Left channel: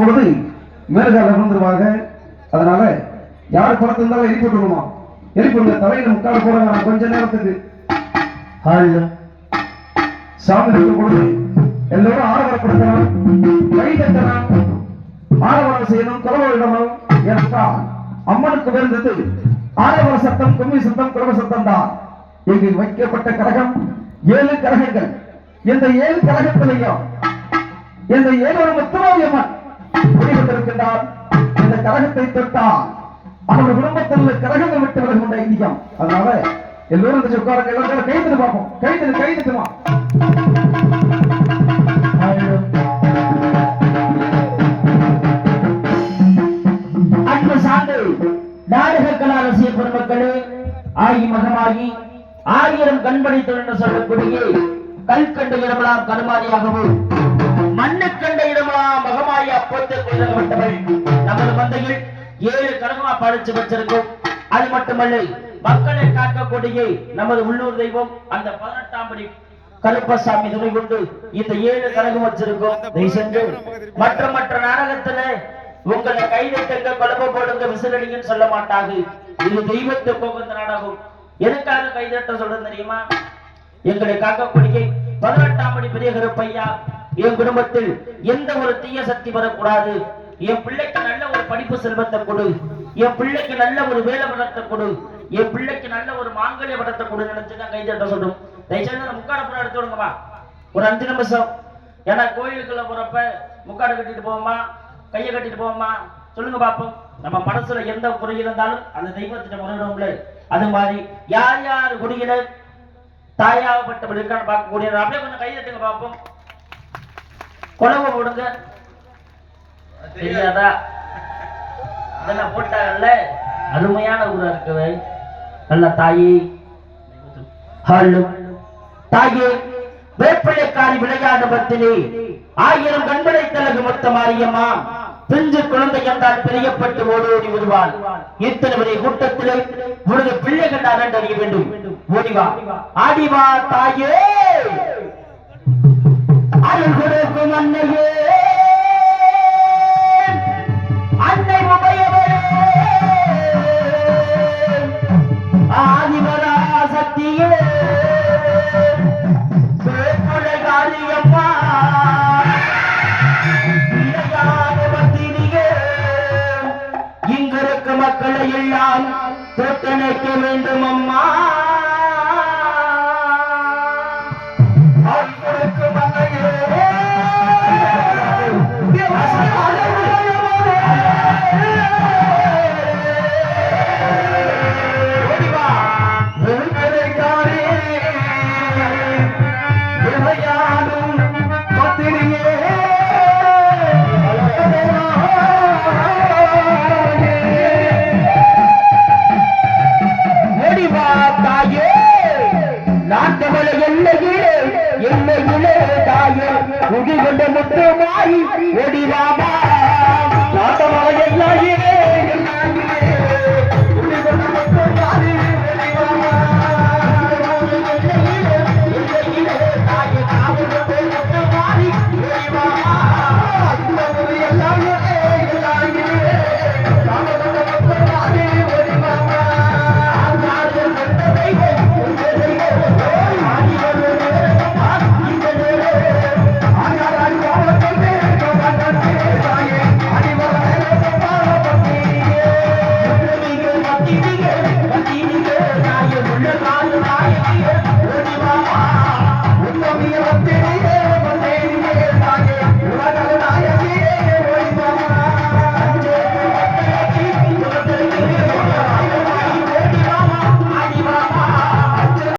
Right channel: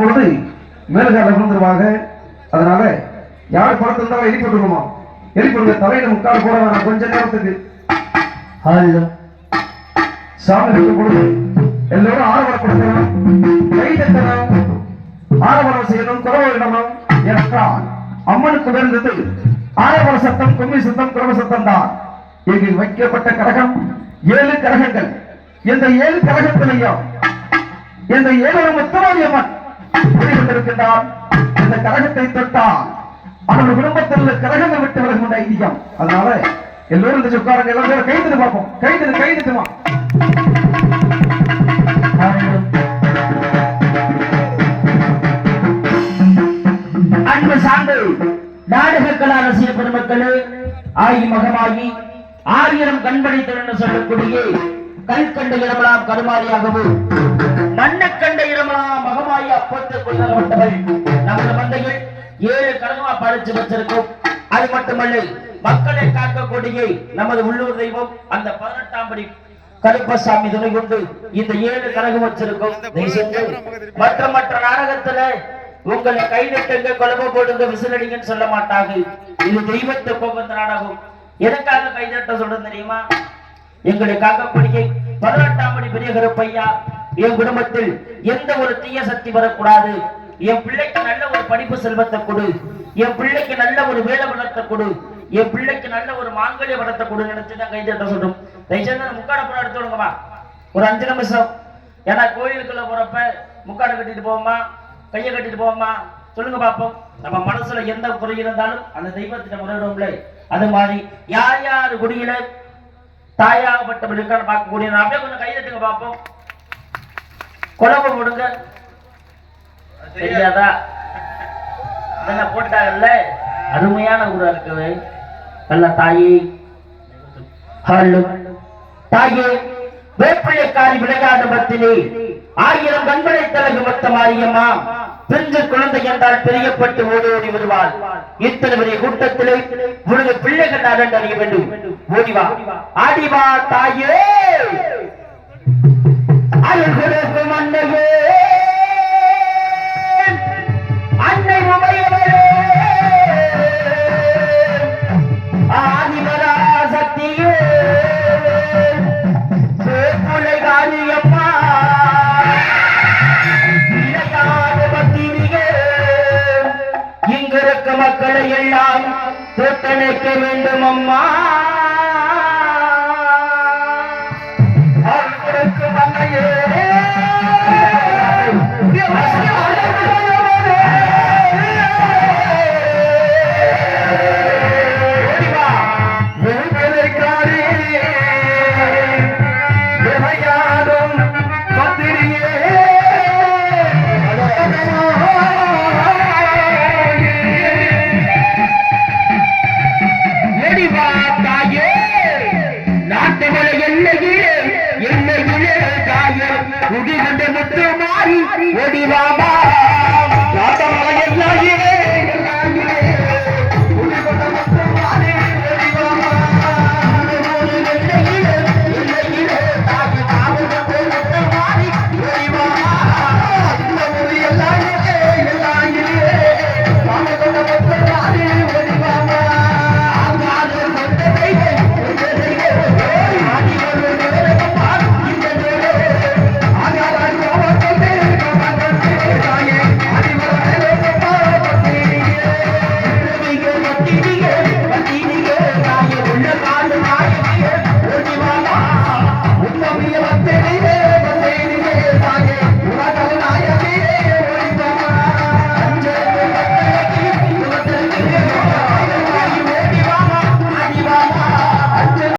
பொழுது மேலகால வந்துருவாங்க. அதனால யார் படத்துல இருந்தாலும் எரிப்பட்டுருமா, எரிப்படுங்க தலையில முக்கால் போட வேணாம் கொஞ்ச நேரத்துக்கு. சாமி பொழுது எல்லோரும் ஆரவாரப்படுத்தணும், கை தட்டணும், ஆரவாரம் செய்யணும், குறவை இடணும். என்றால் அம்மனுக்கு வேண்டது ஆரவார சத்தம், கும்மி சத்தம், குறவ சத்தம் தான். இங்கு வைக்கப்பட்ட கரகம் 7 கரகங்கள். இந்த 7 கரகத்திலையும் இந்த 7 முத்துமாரியம்மன் இருக்கின்றார். இந்த கரகத்தை தொட்டால் அவர்கள் குடும்பத்தில் உள்ள கரகங்கள் விட்டு விலகும் ஐதீகம். அதனால எல்லோரும் இந்த உட்காரங்க, எல்லாரும் கைது பார்ப்போம். கைதுமா அன்பு சார்ந்து நாடக கலா ரசிக பெருமக்களே, ஆகி மகமாகி 1000 கண்படைத்தல் என்று சொல்லக்கூடிய கல்கண்ட இடமெல்லாம் கருமாரியாகவும் மண்ணக்கண்ட இடமெல்லாம் மகமாயி அப்போது நமது மந்தையில் 7 கடமா பறிச்சு வச்சிருக்கும். அது மட்டுமல்ல, மக்களை காக்கக்கூடிய நமது உள்ளூர் தெய்வம் அந்த 18ஆம் படி கருப்பசாமி துணை கொண்டு இந்த 7 கரகம் வச்சிருக்கும். மற்ற நாடகத்துல உங்களை கைதட்டுங்க, கலவை போடுங்க, விசிலடிங்கன்னு சொல்ல மாட்டாங்க. இது தெய்வத்தை போகின்ற நாடகம். எனக்காக கைதட்ட சொல்றது தெரியுமா? எங்களை காக்கக்கூடிய 18ஆம் படி பெரிய கருப்பையா, என் குடும்பத்தில் எந்த ஒரு தீய சக்தி வரக்கூடாது, என் பிள்ளைக்கு நல்ல ஒரு படிப்பு செல்வத்தை கொடு, என் பிள்ளைக்கு நல்ல ஒரு வேலை வளர்த்த கொடு, என் பிள்ளைக்கு நல்ல ஒரு மாங்கல்ய வளர்த்த கொடு நினைச்சுதான் கைதட்ட சொல்றோம். தயவுசெய்து முக்காடப்படம் எடுத்து விடுங்கம்மா, ஒரு 5 நிமிஷம். ஏன்னா கோயிலுக்குள்ள போறப்ப முக்காடை கட்டிட்டு போவோமா, கையை கட்டிட்டு போவோமா? சொல்லுங்க பாப்போம். நம்ம மனசுல எந்த குறை இருந்தாலும் அந்த தெய்வத்திட்ட முறையிடும்ல. அது மாதிரி யார் யார் குடியில தாயாகப்பட்டவர் இருக்கான்னு பார்க்கக்கூடிய அப்படியே கொஞ்சம் கை தட்டுங்க பாப்போம். குழம்பு போடுங்க. தெரியாதா? இதெல்லாம் போட்டாங்கல்ல, அருமையான ஊரா இருக்குது. நல்ல தாயே, ஹலோ தாயே, வேப்பிள்ளைக்காரி விளையாட்டு பத்தினி 1000 கண்களை தலகு மொத்த மாரியம்மா பிஞ்சு குழந்தை என்றால் பிரியப்பட்டு ஓடி ஓடி வருவாள். இத்தனை பெரிய கூட்டத்திலே உனது பிள்ளைகள் நான் அறிய வேண்டும். ஓடிவா, ஆடிவா தாயே, அருள்குடக்கும் அன்னையே, அன்னை உமையவளே, ஆதிமரா சக்தியே, வேப்பிள்ளை காரியம்மா, இங்கிருக்க மக்களை எல்லாம் தொட்டணைக்க வேண்டும் அம்மா. எல்லையிலே தாயே, குடிகொண்ட முத்து மாறி ஓடிவாமா.